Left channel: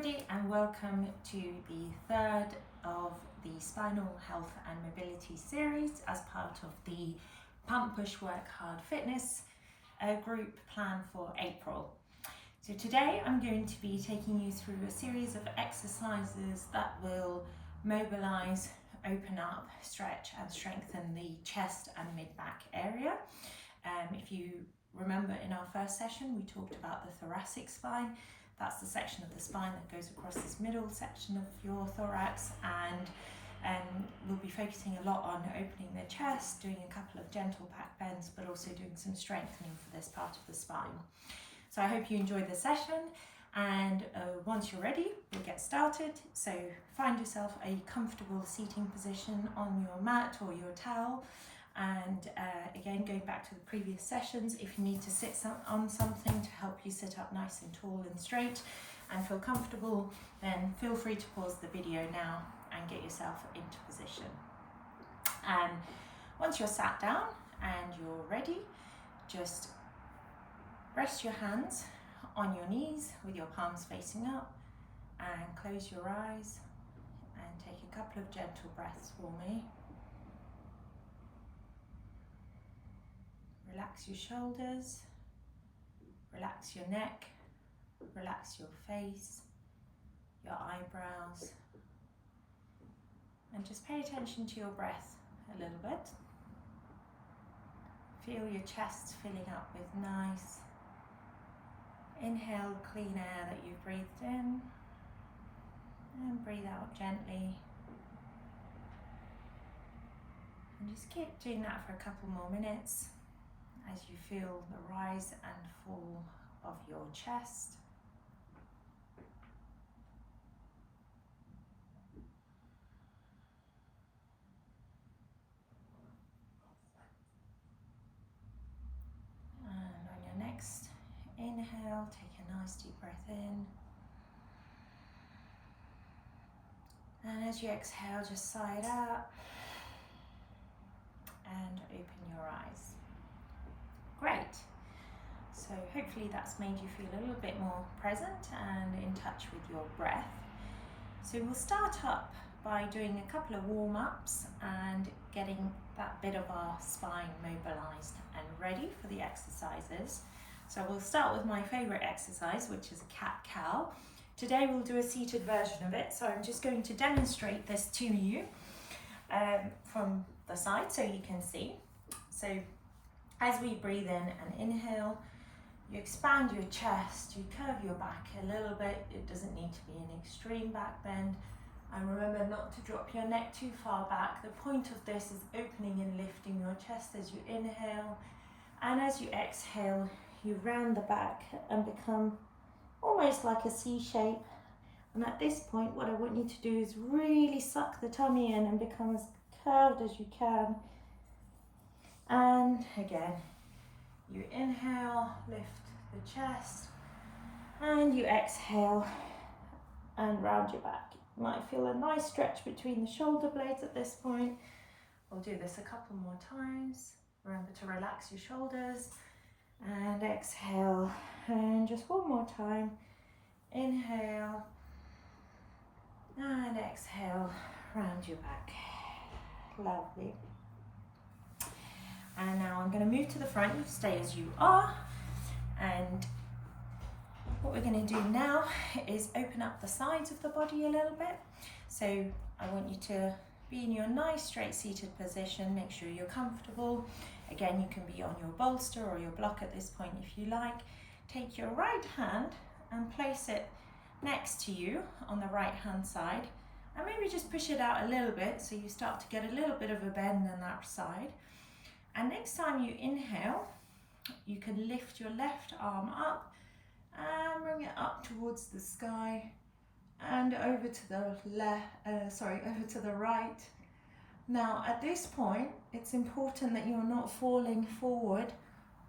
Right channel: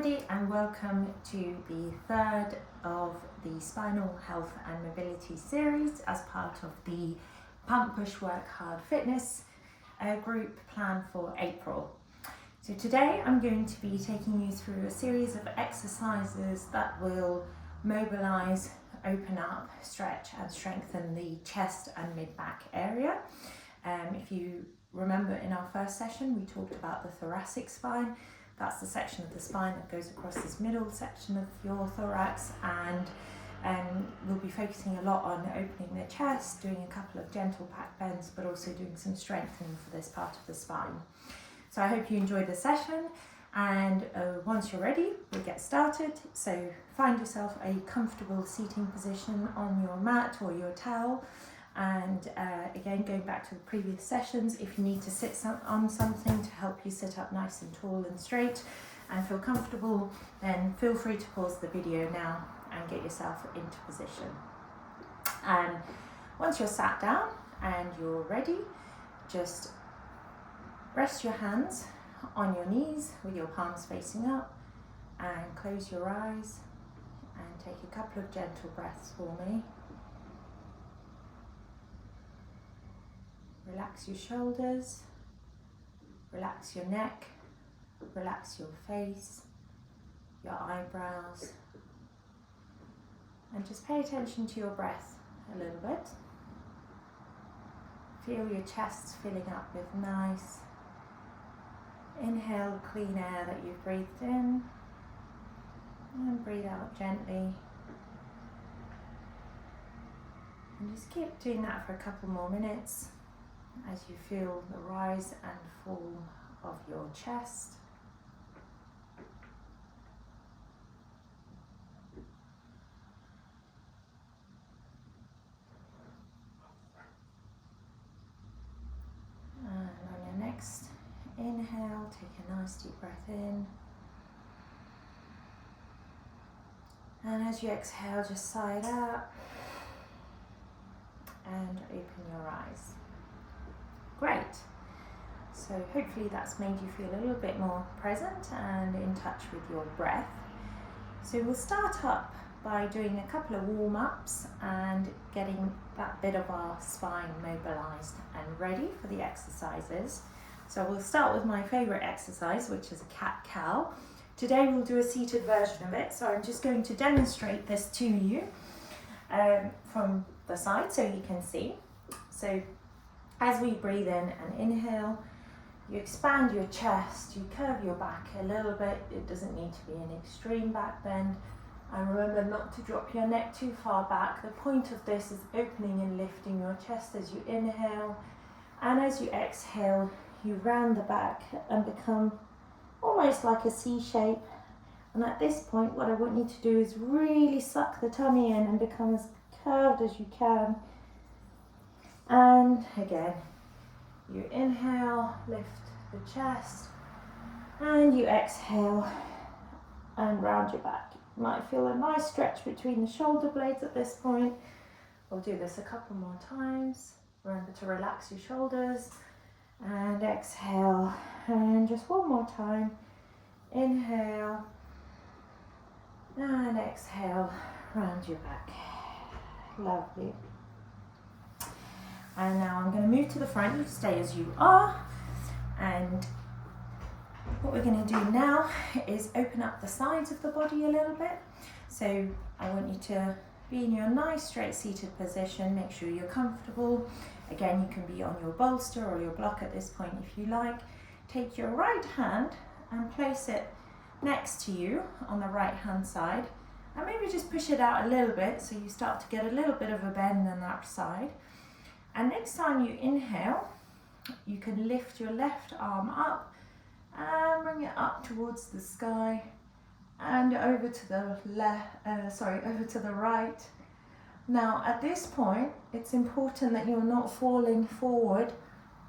everybody, and welcome to the third of the Spinal Health and Mobility series as part of the Pump Push Work Hard Fitness group planned for April. So today I'm going to be taking you through a series of exercises that will mobilize, open up, stretch and strengthen the chest and mid-back area. If you remember, in our first session we talked about the thoracic spine. That's the section of the spine that goes across this middle section of your thorax, and we'll be focusing a lot on opening the chest, doing a couple of gentle back bends, but also doing some strengthening for this part of the spine. So I hope you enjoyed the session, and once you're ready, we'll get started. So find yourself a comfortable seating position on your mat or your towel. And again, going back to the previous sessions, if you need to sit on something to help you sit up nice and tall and straight and feel comfortable, then feel free to pause the video now and get yourself into position. And once you're sat down and you're ready, just rest your hands on your knees with your palms facing up and close your eyes and take a couple of gentle breaths for me. Relax your shoulders, relax your neck, relax your face, your eyebrows, and just pay attention to your breath a little bit. Feel your chest filling up with nice, inhale clean air that you've breathed in, and breathe out gently. And just keep doing that for a couple more minutes as you feel the rise and fall of your chest. And on your next inhale, take a nice deep breath in. And as you exhale, just sigh it out and open your eyes. Great. So hopefully that's made you feel a little bit more present and in touch with your breath. So we'll start up by doing a couple of warm-ups and getting that bit of our spine mobilized and ready for the exercises. So we'll start with my favorite exercise, which is a cat-cow. Today we'll do a seated version of it, so I'm just going to demonstrate this to you from the side so you can see. So as we breathe in and inhale, you expand your chest, you curve your back a little bit. It doesn't need to be an extreme back bend. And remember not to drop your neck too far back. The point of this is opening and lifting your chest as you inhale. And as you exhale, you round the back and become almost like a C shape. And at this point, what I want you to do is really suck the tummy in and become as curved as you can. And again, you inhale, lift the chest, and you exhale and round your back. You might feel a nice stretch between the shoulder blades at this point. We'll do this a couple more times. Remember to relax your shoulders and exhale. And just one more time. Inhale and exhale, round your back. Lovely. And now I'm going to move to the front. You stay as you are. And what we're going to do now is open up the sides of the body a little bit. So I want you to be in your nice straight seated position. Make sure you're comfortable. Again, you can be on your bolster or your block at this point if you like. Take your right hand and place it next to you on the right hand side. And maybe just push it out a little bit so you start to get a little bit of a bend on that side. And next time you inhale, you can lift your left arm up and bring it up towards the sky and over to the over to the right. Now at this point, it's important that you're not falling forward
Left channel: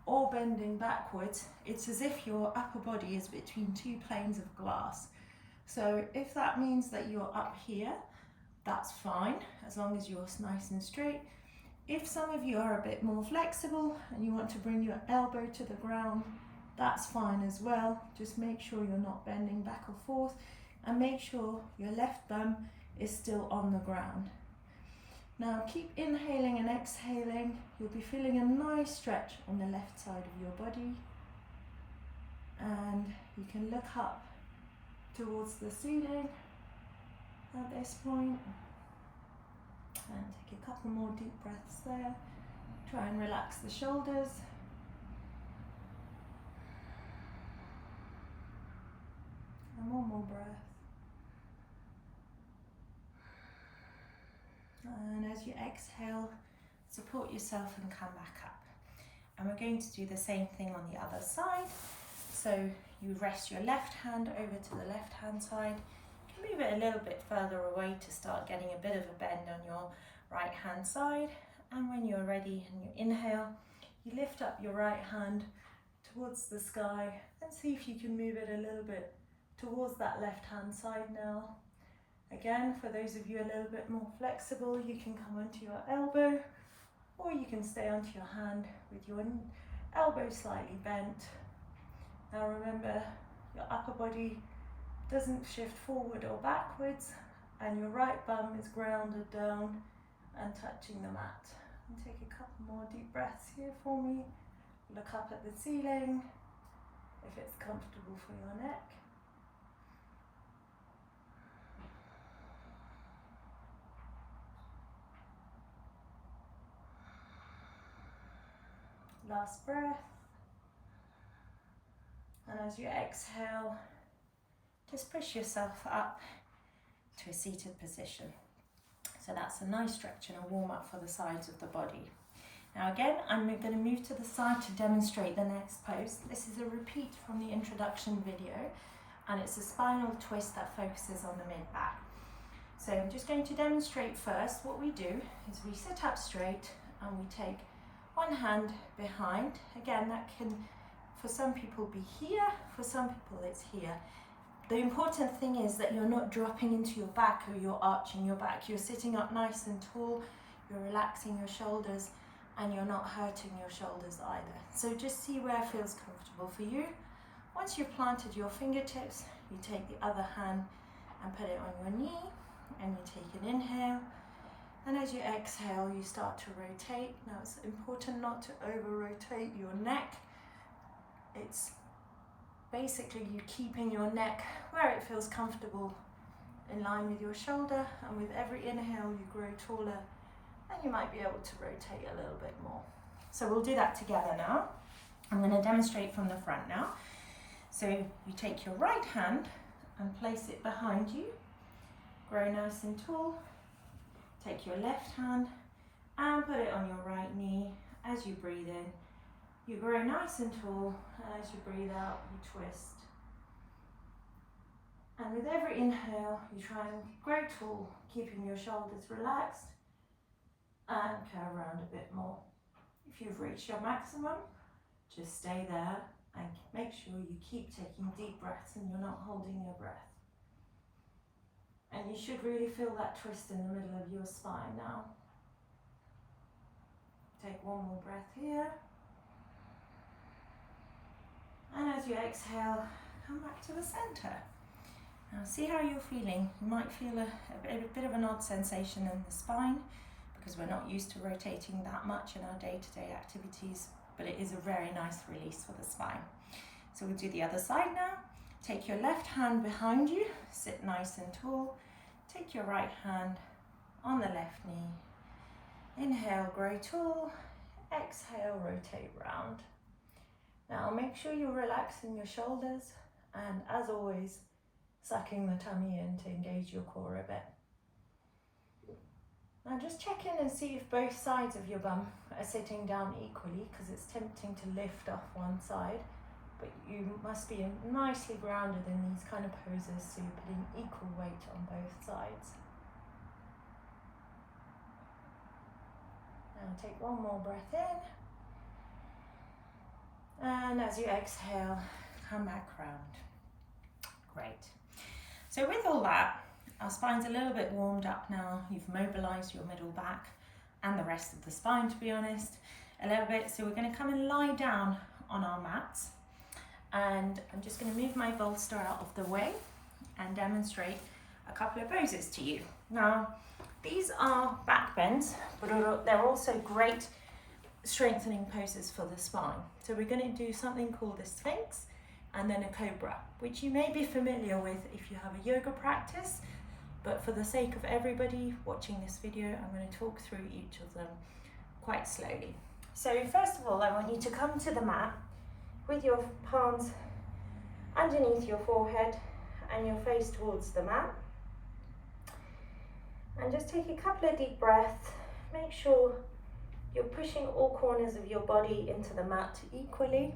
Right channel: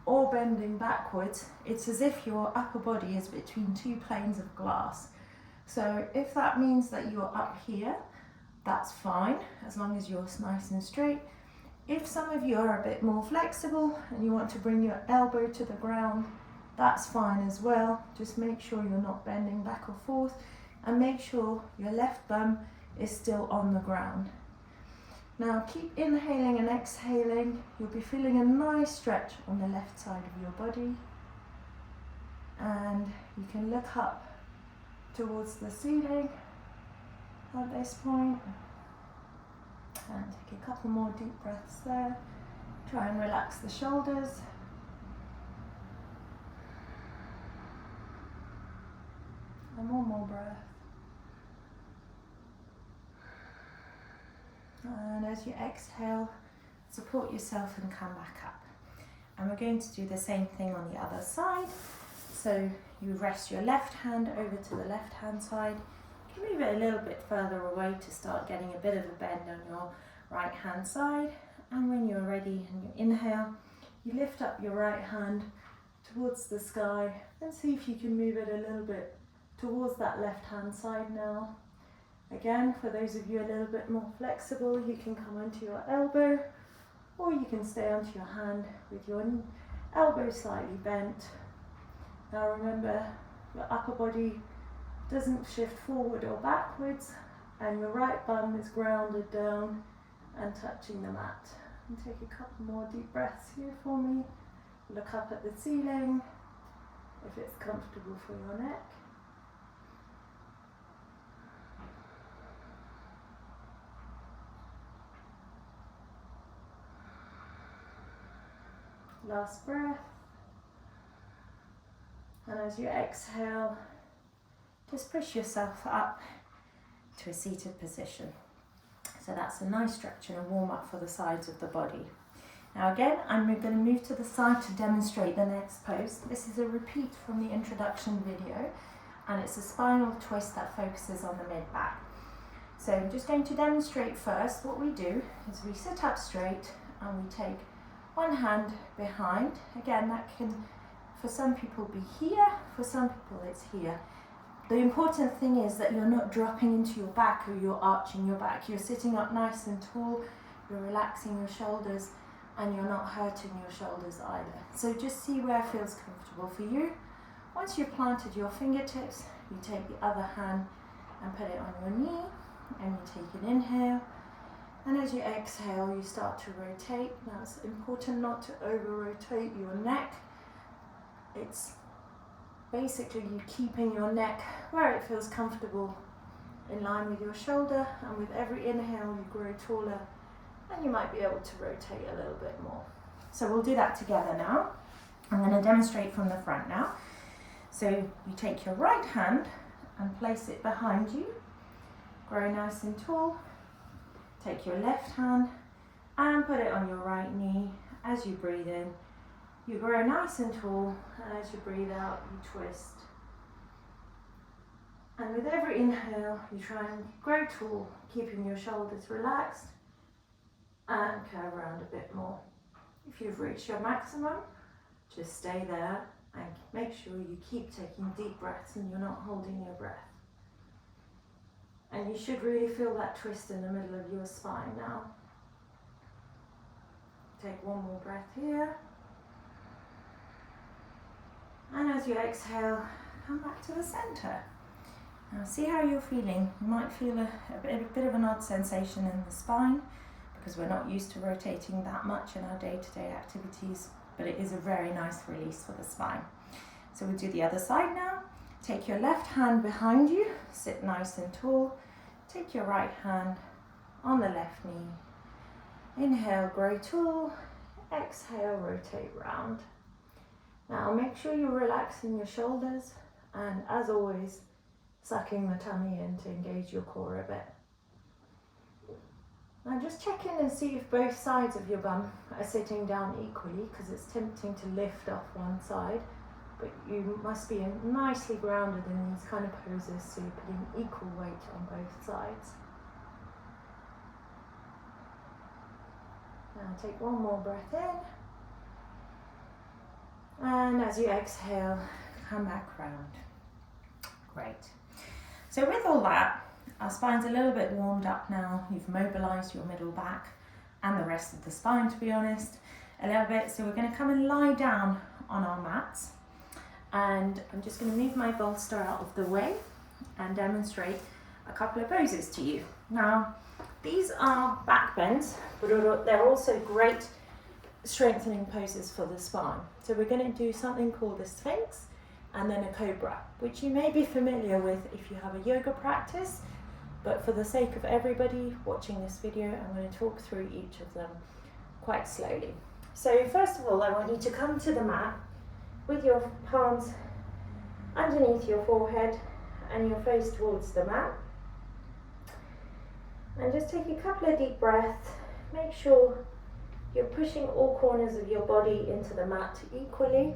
or bending backwards. It's as if your upper body is between two planes of glass. So if that means that you're up here, that's fine, as long as you're nice and straight. If some of you are a bit more flexible and you want to bring your elbow to the ground, that's fine as well. Just make sure you're not bending back or forth. and make sure your left bum is still on the ground. Now keep inhaling and exhaling. You'll be feeling a nice stretch on the left side of your body. And you can look up towards the ceiling at this point. And take a couple more deep breaths there. Try and relax the shoulders. And one more breath. And as you exhale, support yourself and come back up. And we're going to do the same thing on the other side. So you rest your left hand over to the left hand side. You can move it a little bit further away to start getting a bit of a bend on your right hand side. And when you're ready and you inhale, you lift up your right hand towards the sky and see if you can move it a little bit towards that left hand side now. Again, for those of you a little bit more flexible, you can come onto your elbow, or you can stay onto your hand with your elbow slightly bent. Now remember, your upper body doesn't shift forward or backwards, and your right bum is grounded down and touching the mat. And take a couple more deep breaths here for me. Look up at the ceiling if it's comfortable for your neck. Last breath. And as you exhale, just push yourself up to a seated position. So that's a nice stretch and a warm up for the sides of the body. Now again, I'm going to move to the side to demonstrate the next pose. This is a repeat from the introduction video, and it's a spinal twist that focuses on the mid-back. So I'm just going to demonstrate first. What we do is we sit up straight and we take one hand behind. Again, that can, for some people, be here, for some people it's here. The important thing is that you're not dropping into your back or you're arching your back. You're sitting up nice and tall, you're relaxing your shoulders, and you're not hurting your shoulders either. So just see where feels comfortable for you. Once you've planted your fingertips, you take the other hand and put it on your knee, and you take an inhale. And as you exhale, you start to rotate. Now it's important not to over-rotate your neck. It's basically you keeping your neck where it feels comfortable in line with your shoulder, and with every inhale you grow taller and you might be able to rotate a little bit more. So we'll do that together now. I'm going to demonstrate from the front now. So you take your right hand and place it behind you, grow nice and tall. Take your left hand and put it on your right knee. As you breathe in, you grow nice and tall, and as you breathe out, you twist. And with every inhale, you try and grow tall, keeping your shoulders relaxed, and curve around a bit more. If you've reached your maximum, just stay there and make sure you keep taking deep breaths and you're not holding your breath. And you should really feel that twist in the middle of your spine now. Take one more breath here. And as you exhale, come back to the center. Now see how you're feeling. You might feel a bit of an odd sensation in the spine because we're not used to rotating that much in our day-to-day activities, but it is a very nice release for the spine. So we'll do the other side now. Take your left hand behind you, sit nice and tall. Take your right hand on the left knee. Inhale, grow tall. Exhale, rotate round. Now make sure you're relaxing your shoulders, and as always, sucking the tummy in to engage your core a bit. Now just check in and see if both sides of your bum are sitting down equally, because it's tempting to lift off one side. But you must be nicely grounded in these kind of poses, so you're putting equal weight on both sides. Now take one more breath in. And as you exhale, come back round. Great. So with all that, our spine's a little bit warmed up now. You've mobilized your middle back and the rest of the spine, to be honest, a little bit. So we're going to come and lie down on our mats. And I'm just going to move my bolster out of the way. and demonstrate a couple of poses to you. Now, these are back bends, but they're also great strengthening poses for the spine. So we're going to do something called the Sphinx and then a Cobra, which you may be familiar with if you have a yoga practice, but for the sake of everybody watching this video, I'm going to talk through each of them quite slowly. So first of all, I want you to come to the mat with your palms underneath your forehead and your face towards the mat. And just take a couple of deep breaths. Make sure you're pushing all corners of your body into the mat equally.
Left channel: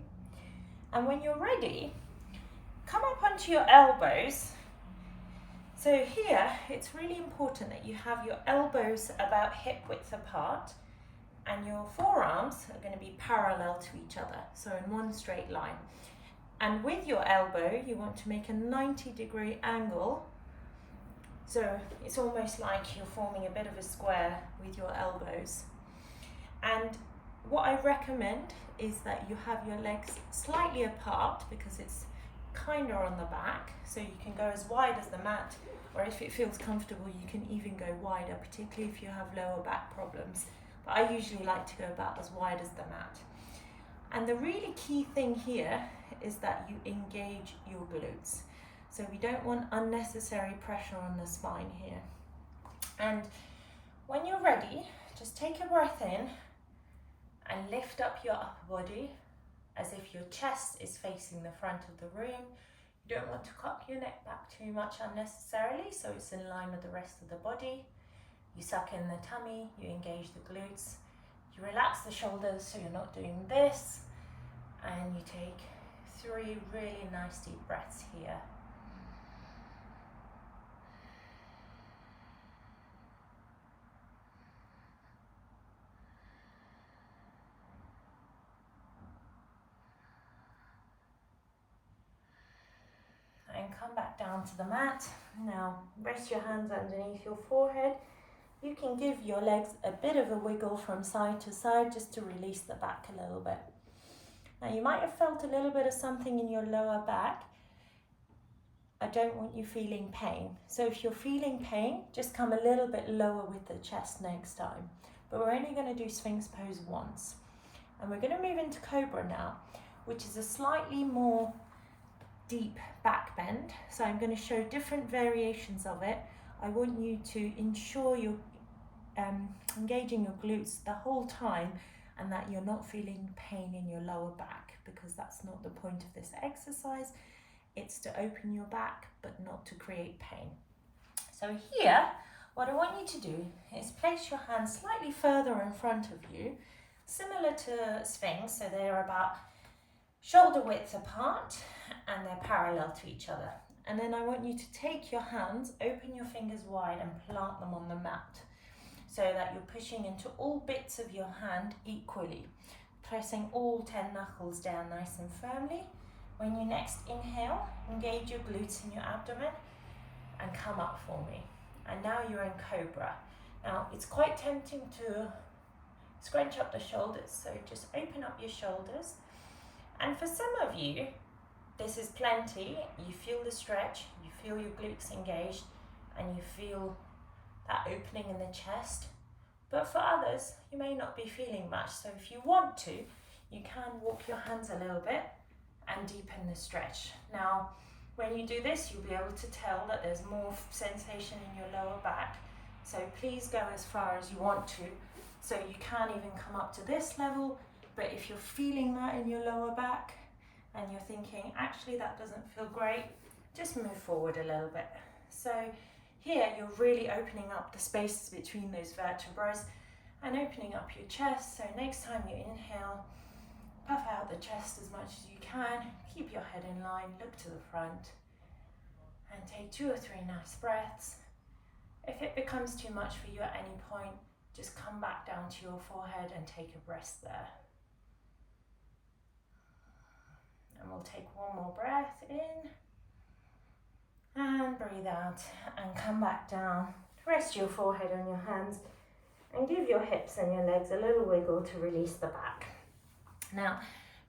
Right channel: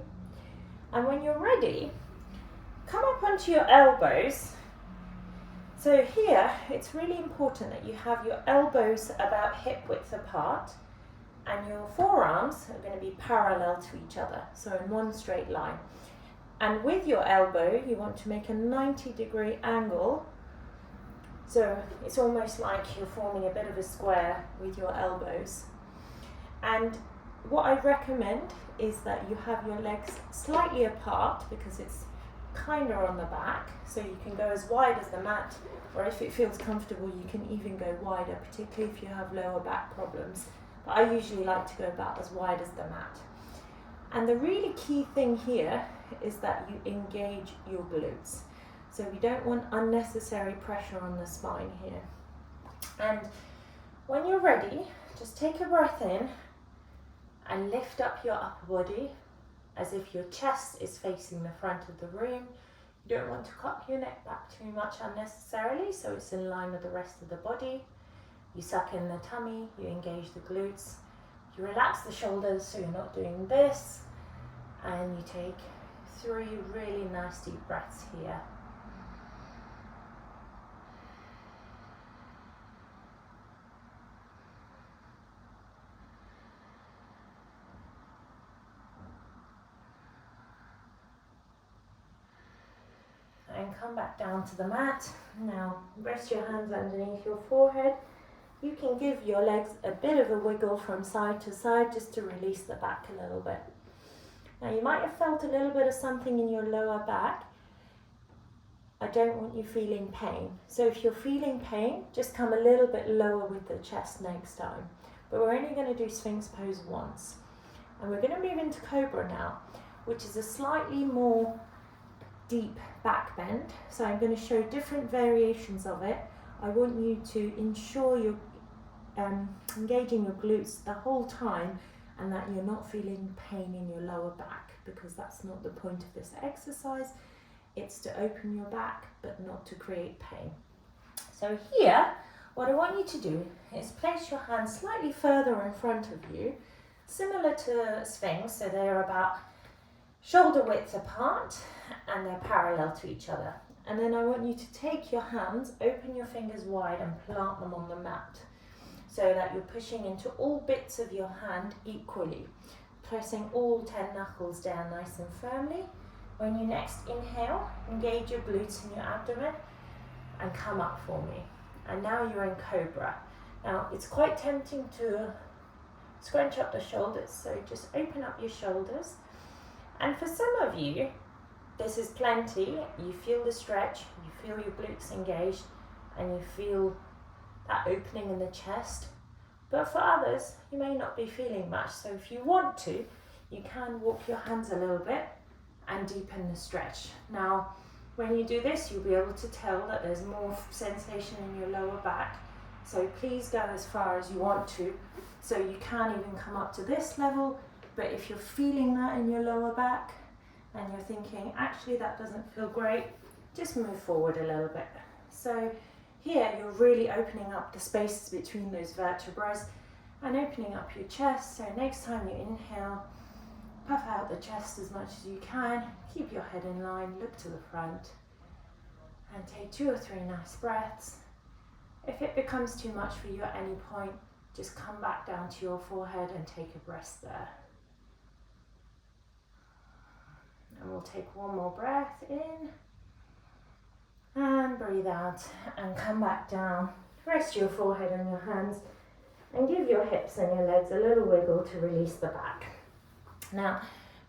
And when you're ready, come up onto your elbows. So here, it's really important that you have your elbows about hip width apart and your forearms are going to be parallel to each other, so in one straight line. And with your elbow, you want to make a 90-degree angle. So it's almost like you're forming a bit of a square with your elbows. And what I recommend is that you have your legs slightly apart because it's kind of on the back, so you can go as wide as the mat, or if it feels comfortable, you can even go wider, particularly if you have lower back problems. But I usually like to go about as wide as the mat. And the really key thing here is that you engage your glutes. So we don't want unnecessary pressure on the spine here. And when you're ready, just take a breath in and lift up your upper body as if your chest is facing the front of the room. You don't want to cock your neck back too much unnecessarily, so it's in line with the rest of the body. You suck in the tummy, you engage the glutes, you relax the shoulders so you're not doing this, and you take 3 really nice deep breaths here. And come back down to the mat. Now rest your hands underneath your forehead. You can give your legs a bit of a wiggle from side to side just to release the back a little bit. Now you might have felt a little bit of something in your lower back. I don't want you feeling pain. So if you're feeling pain, just come a little bit lower with the chest next time. But we're only going to do Sphinx pose once. And we're going to move into Cobra now, which is a slightly more deep back bend. So I'm going to show different variations of it. I want you to ensure you're engaging your glutes the whole time and that you're not feeling pain in your lower back, because that's not the point of this exercise. It's to open your back but not to create pain. So here, what I want you to do is place your hands slightly further in front of you, similar to Sphinx, so they're about shoulder width apart and they're parallel to each other. And then I want you to take your hands, open your fingers wide and plant them on the mat so that you're pushing into all bits of your hand equally, pressing all 10 knuckles down nice and firmly. When you next inhale, engage your glutes and your abdomen and come up for me. And now you're in Cobra. Now it's quite tempting to scrunch up the shoulders, so just open up your shoulders. And for some of you, this is plenty. You feel the stretch, you feel your glutes engaged, and you feel that opening in the chest. But for others, you may not be feeling much. So if you want to, you can walk your hands a little bit and deepen the stretch. Now, when you do this, you'll be able to tell that there's more sensation in your lower back. So please go as far as you want to. So you can even come up to this level, but if you're feeling that in your lower back and you're thinking, actually that doesn't feel great, just move forward a little bit. So here you're really opening up the spaces between those vertebrae and opening up your chest. So next time you inhale, puff out the chest as much as you can, keep your head in line, look to the front, and take 2 or 3 nice breaths. If it becomes too much for you at any point, just come back down to your forehead and take a breath there. And we'll take one more breath in, and breathe out, and come back down. Rest your forehead on your hands, and give your hips and your legs a little wiggle to release the back. Now,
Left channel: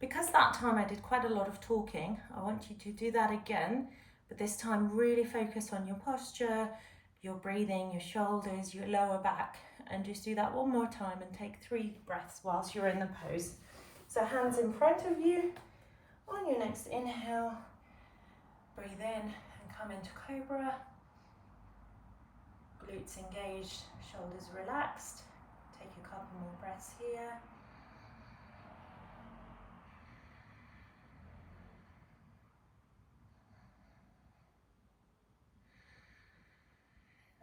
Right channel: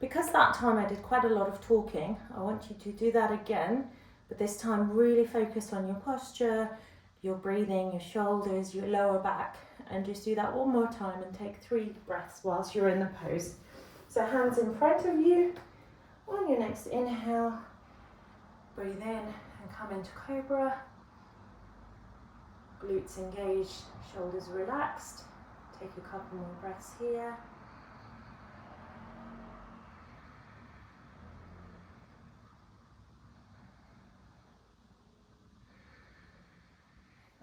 because that time I did quite a lot of talking, I want you to do that again, But this time really focus on your posture, your breathing, your shoulders, your lower back, and just do that one more time and take 3 breaths whilst you're in the pose. So hands in front of you. On your next inhale, breathe in and come into cobra. Glutes engaged, shoulders relaxed. Take a couple more breaths here.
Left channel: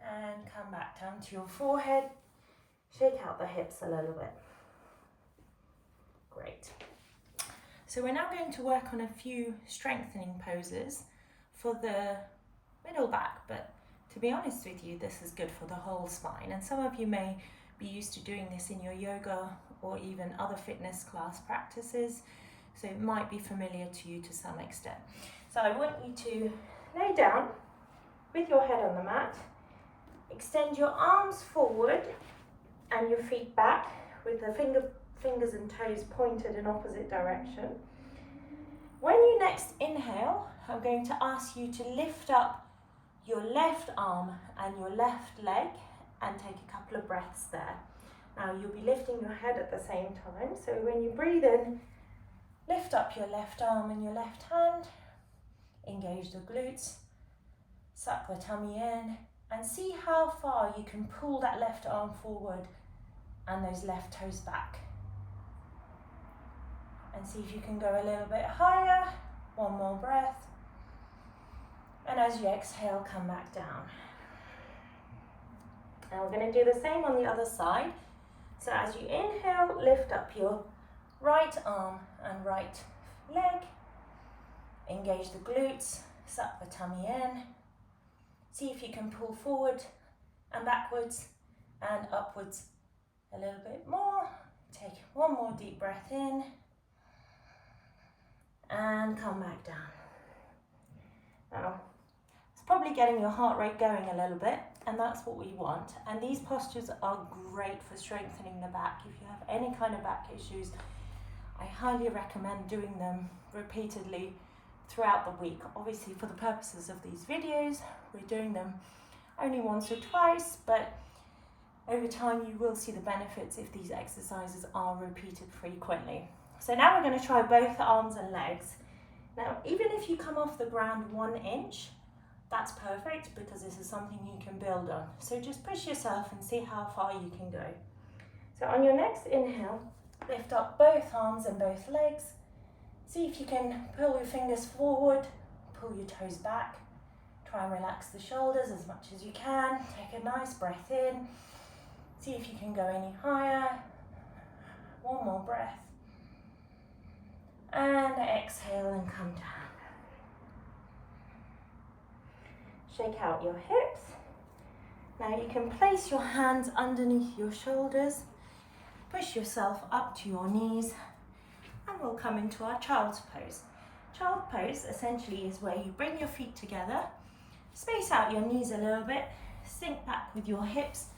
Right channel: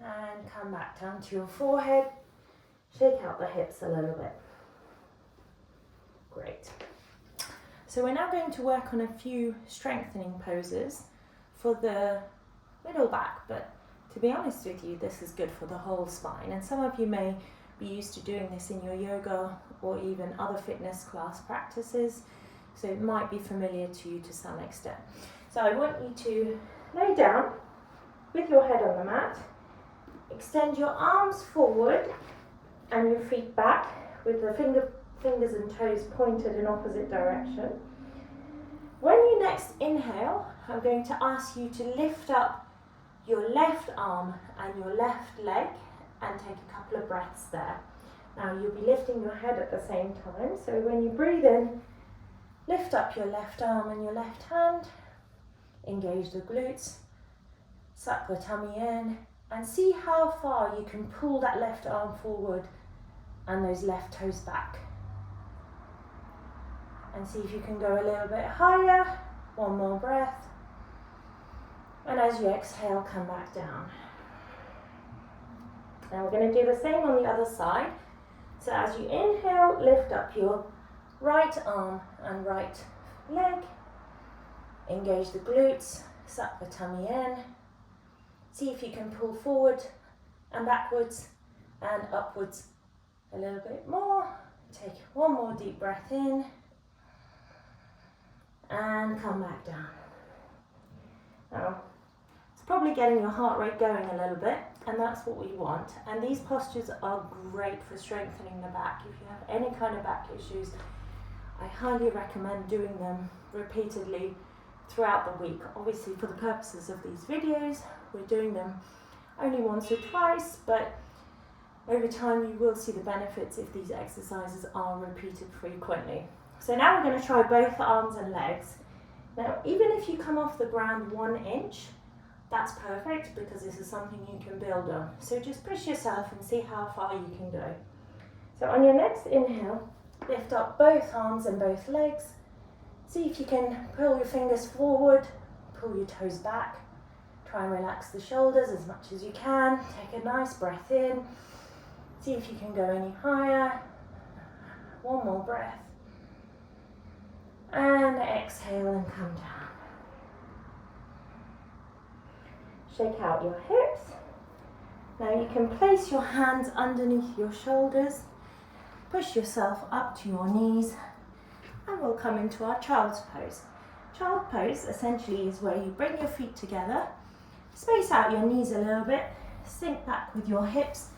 And come back down to your forehead. Shake out the hips a little bit. Great. So we're now going to work on a few strengthening poses for the middle back, but to be honest with you, this is good for the whole spine. And some of you may be used to doing this in your yoga or even other fitness class practices, so it might be familiar to you to some extent. So I want you to lay down with your head on the mat, extend your arms forward and your feet back with the fingers and toes pointed in opposite direction. When you next inhale, I'm going to ask you to lift up your left arm and your left leg and take a couple of breaths there. Now you'll be lifting your head at the same time, so when you breathe in, lift up your left arm and your left hand, engage the glutes, suck the tummy in, and see how far you can pull that left arm forward and those left toes back. And see if you can go a little bit higher. One more breath. And as you exhale, come back down. And we're going to do the same on the other side. So as you inhale, lift up your right arm and right leg. Engage the glutes, suck the tummy in. See if you can pull forward and backwards and upwards a little bit more. Take one more deep breath in and come back down. Now, it's probably getting your heart rate going a little bit, and that's what we want. And these postures are great for strengthening the back. If you have any kind of back issues, I highly recommend doing them repeatedly throughout the week. Obviously, for the purposes of these videos, we're doing them only once or twice, but over time you will see the benefits if these exercises are repeated frequently. So now we're going to try both arms and legs. Now, even if you come off the ground 1 inch, that's perfect because this is something you can build on. So just push yourself and see how far you can go. So on your next inhale, lift up both arms and both legs. See if you can pull your fingers forward, pull your toes back. Try and relax the shoulders as much as you can. Take a nice breath in. See if you can go any higher. One more breath. And exhale and come down. Shake out your hips. Now you can place your hands underneath your shoulders. Push yourself up to your knees. And we'll come into our child's pose. Child pose essentially is where you bring your feet together, space out your knees a little bit, sink back with your hips,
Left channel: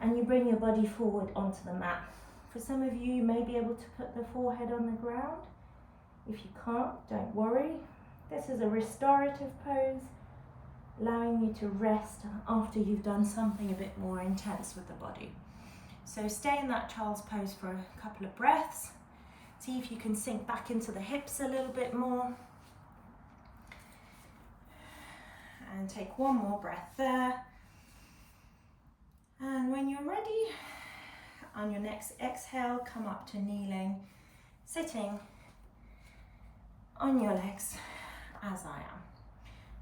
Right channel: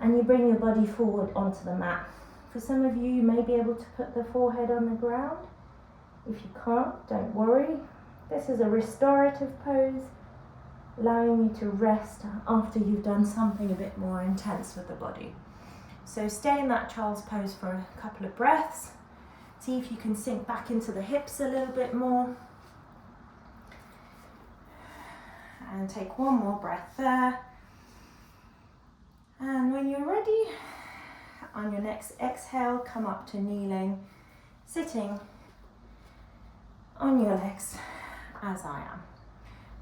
and you bring your body forward onto the mat. For some of you, you may be able to put the forehead on the ground. If you can't, don't worry. This is a restorative pose, allowing you to rest after you've done something a bit more intense with the body. So stay in that child's pose for a couple of breaths. See if you can sink back into the hips a little bit more. And take one more breath there. And when you're ready, on your next exhale, come up to kneeling, sitting on your legs as I am.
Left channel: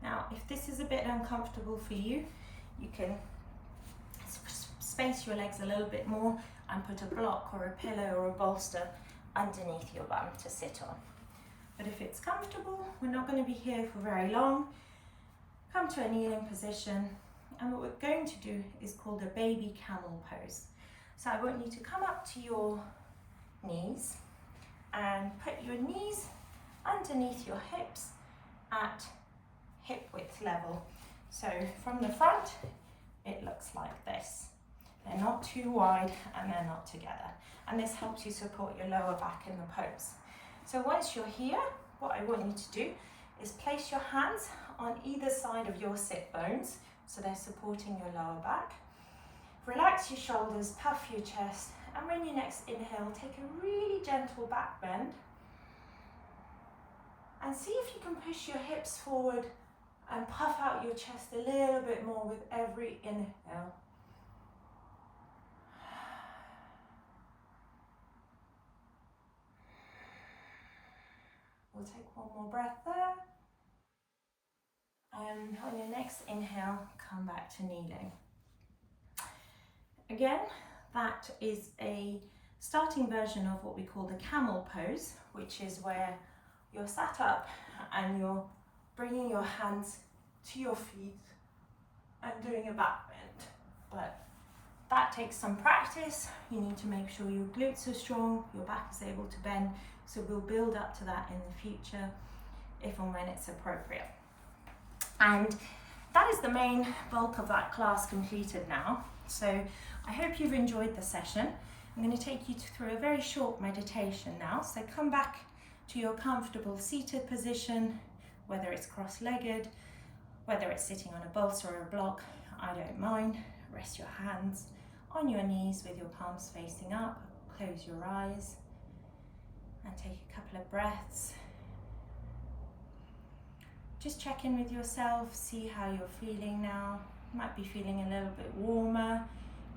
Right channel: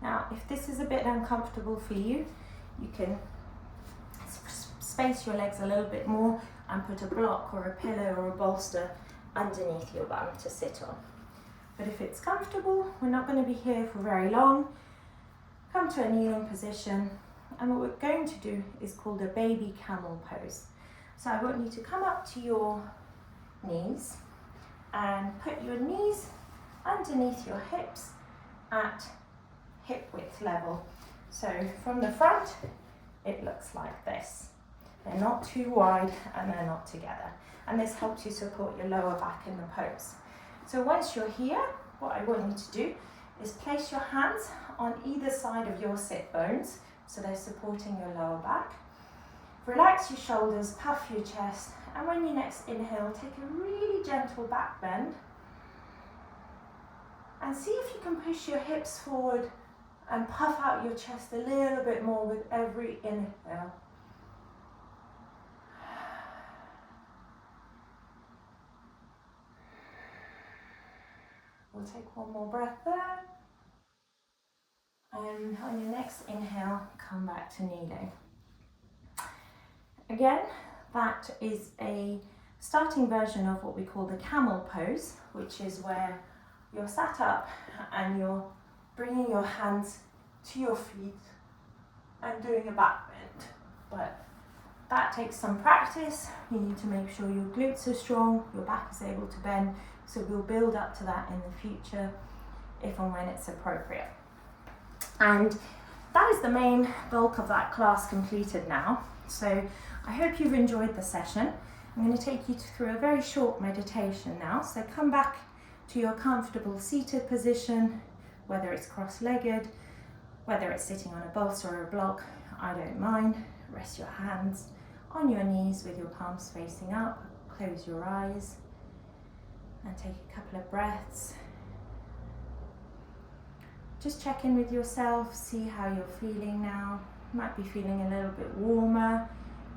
Now, if this is a bit uncomfortable for you, you can space your legs a little bit more and put a block or a pillow or a bolster underneath your bum to sit on. But if it's comfortable, we're not going to be here for very long. Come to a kneeling position, and what we're going to do is called a baby camel pose. So I want you to come up to your knees and put your knees underneath your hips at hip width level. So from the front, it looks like this. They're not too wide and they're not together. And this helps you support your lower back in the pose. So once you're here, what I want you to do is place your hands on either side of your sit bones, so they're supporting your lower back. Relax your shoulders, puff your chest, and when you next inhale, take a really gentle back bend. And see if you can push your hips forward and puff out your chest a little bit more with every inhale. We'll take one more breath there. And on your next inhale, come back to kneeling. Again, that is a starting version of what we call the camel pose, which is where you're sat up and you're bringing your hands to your feet and doing a back bend. But that takes some practice. You need to make sure your glutes are strong, your back is able to bend. So we'll build up to that in the future if and when it's appropriate. And that is the main bulk of that class completed now. So I hope you've enjoyed the session. I'm going to take you through a very short meditation now. So come back to your comfortable seated position, whether it's cross-legged, whether it's sitting on a bolster or a block, I don't mind. Rest your hands on your knees with your palms facing up. Close your eyes and take a couple of breaths. Just check in with yourself, see how you're feeling now. You might be feeling a little bit warmer,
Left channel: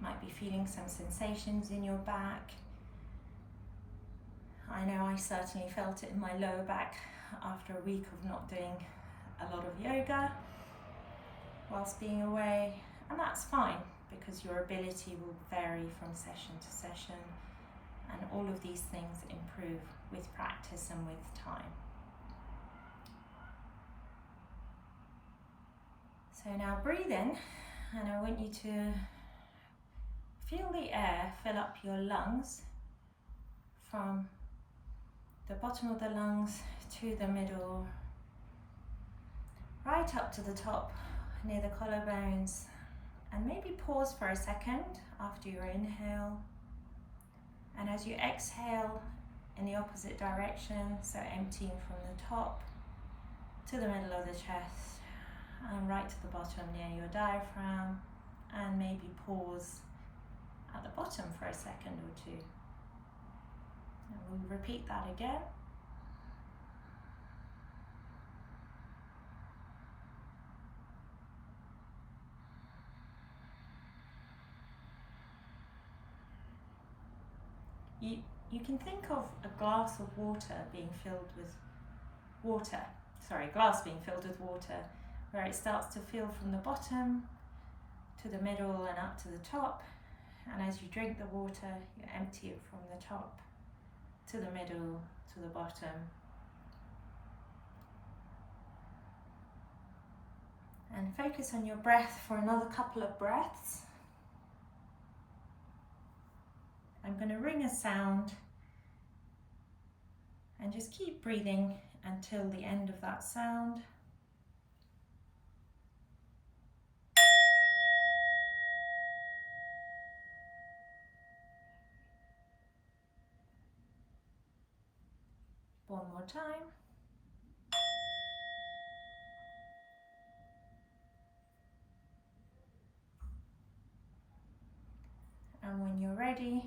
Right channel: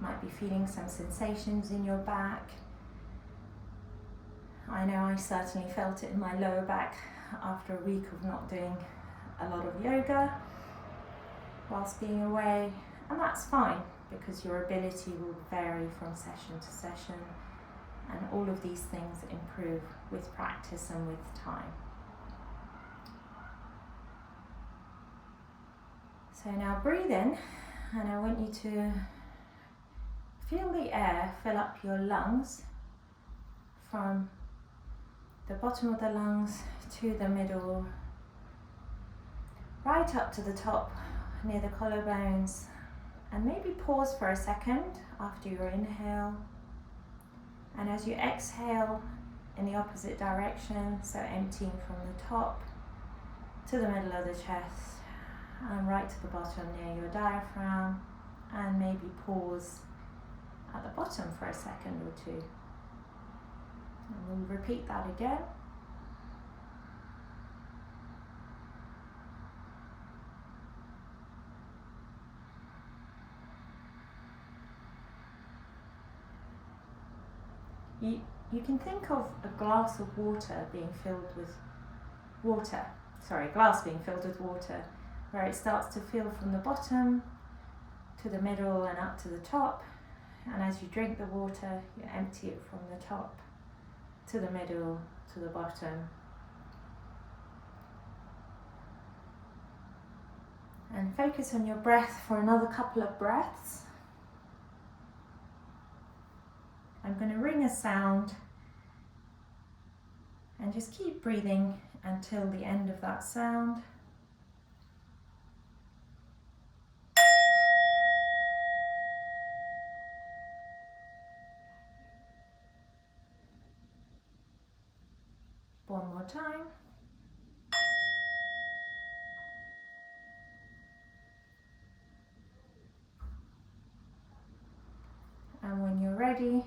might be feeling some sensations in your back. I know I certainly felt it in my lower back after a week of not doing a lot of yoga whilst being away, and that's fine because your ability will vary from session to session, and all of these things improve with practice and with time. So now breathe in, and I want you to feel the air fill up your lungs from the bottom of the lungs to the middle, right up to the top near the collarbones, and maybe pause for a second after your inhale. And as you exhale in the opposite direction, so emptying from the top to the middle of the chest and right to the bottom near your diaphragm, and maybe pause at the bottom for a second or two. And we'll repeat that again. You can think of a glass of water being filled with glass being filled with water, where it starts to fill from the bottom to the middle and up to the top. And as you drink the water, you empty it from the top to the middle to the bottom. And focus on your breath for another couple of breaths. I'm going to ring a sound and just keep breathing until the end of that sound. One more time. And when you're ready,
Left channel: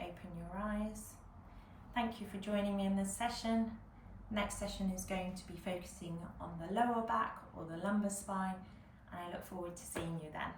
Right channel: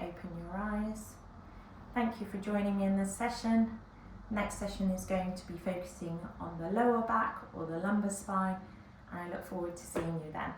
open your eyes. Thank you for joining me in this session. Next session is going to be focusing on the lower back or the lumbar spine, and I look forward to seeing you then.